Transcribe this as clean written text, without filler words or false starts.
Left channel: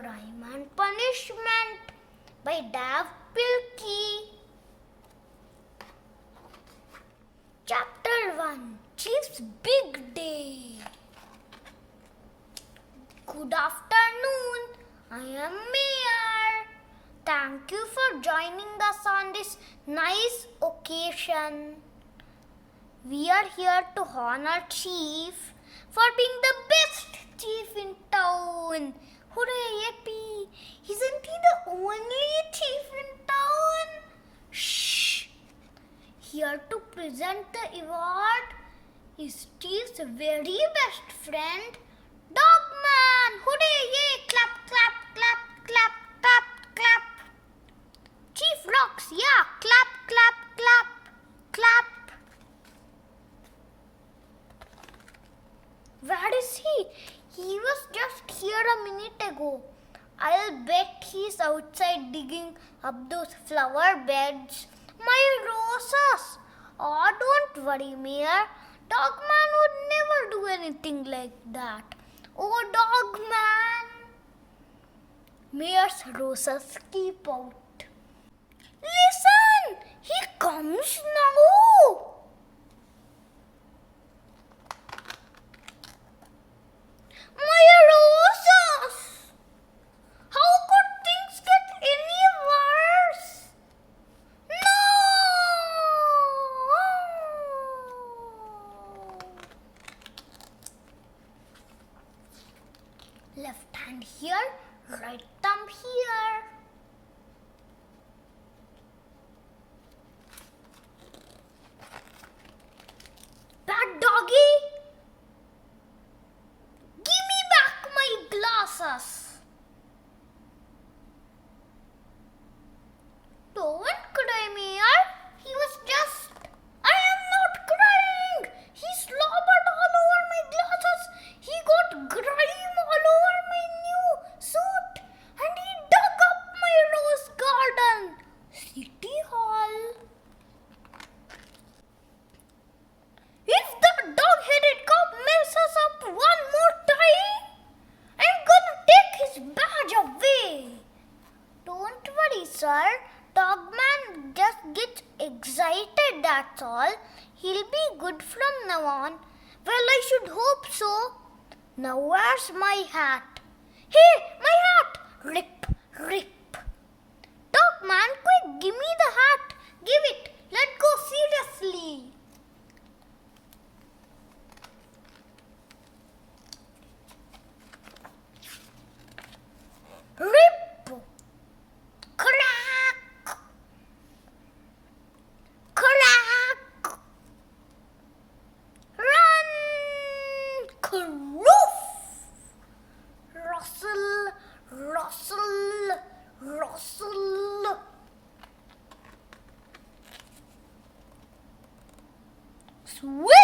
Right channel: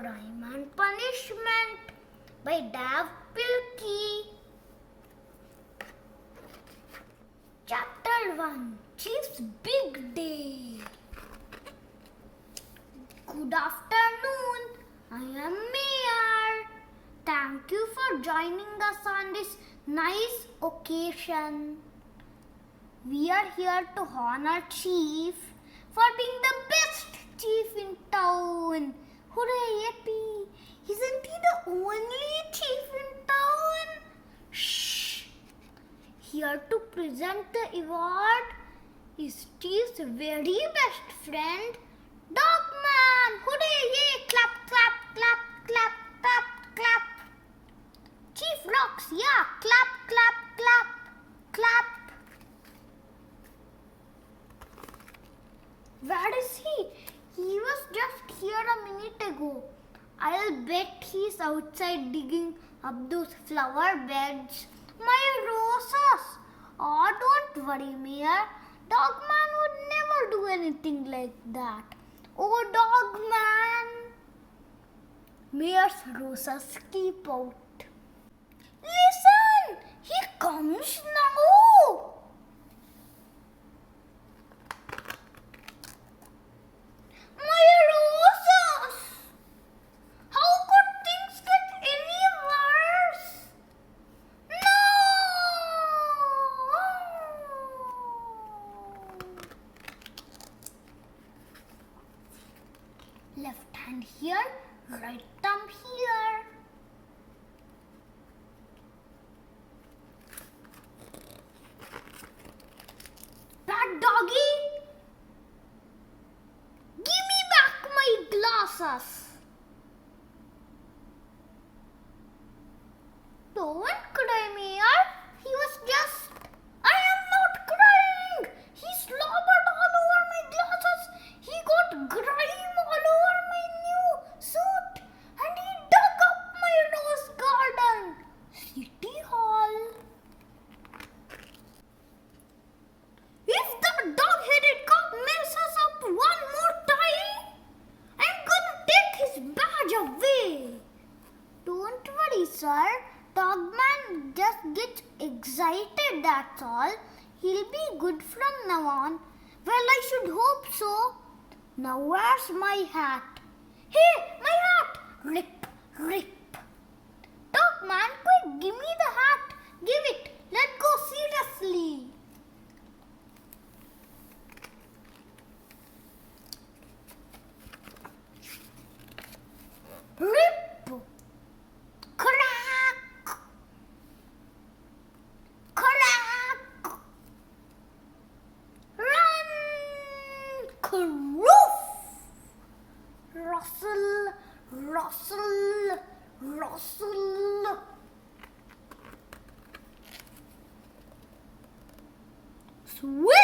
Grime and Punishment by Dav Pilkey. Chapter 1, Chief's Big Day. Good afternoon, I am Mayor. Thank you for joining us on this nice occasion. We are here to honor Chief for being the best chief in town. Hooray, yippee! Isn't he the only chief in town? Shh! Here to present the award is Chief's very best friend, Dogman. Hooray, yay! Clap, clap, clap, clap, clap, clap. Chief rocks, yeah! Clap, clap, clap, clap. Where is he? He was just here a minute ago. I'll bet he's outside digging up those flower beds. My roses! Oh, don't worry, Mayor. Dogman would never do anything like that. Oh, Dogman! Mayor's roses keep out. Listen! He comes now! My roses! How could things get any worse? No! Left hand here, right thumb here. Bad doggy! Give me back my glasses. Don't cry, Mayor. He was just... I am not crying. He slobbered all over my glasses. He got grime all over my new suit. And he dug up my rose garden. City Hall. If the dog-headed cop messes up one more time, I'm gonna take his badge away. Don't worry, sir. Dogman just gets excited, that's all. He'll be good from now on. Well, I should hope so. Now where's my hat? Hey, my hat! Rip, rip. Dogman, quick, give me the hat. Give it. Let go seriously. Rip! Crack! Crack! Run! Croof! Rustle! Rustle! Rustle! Sweep!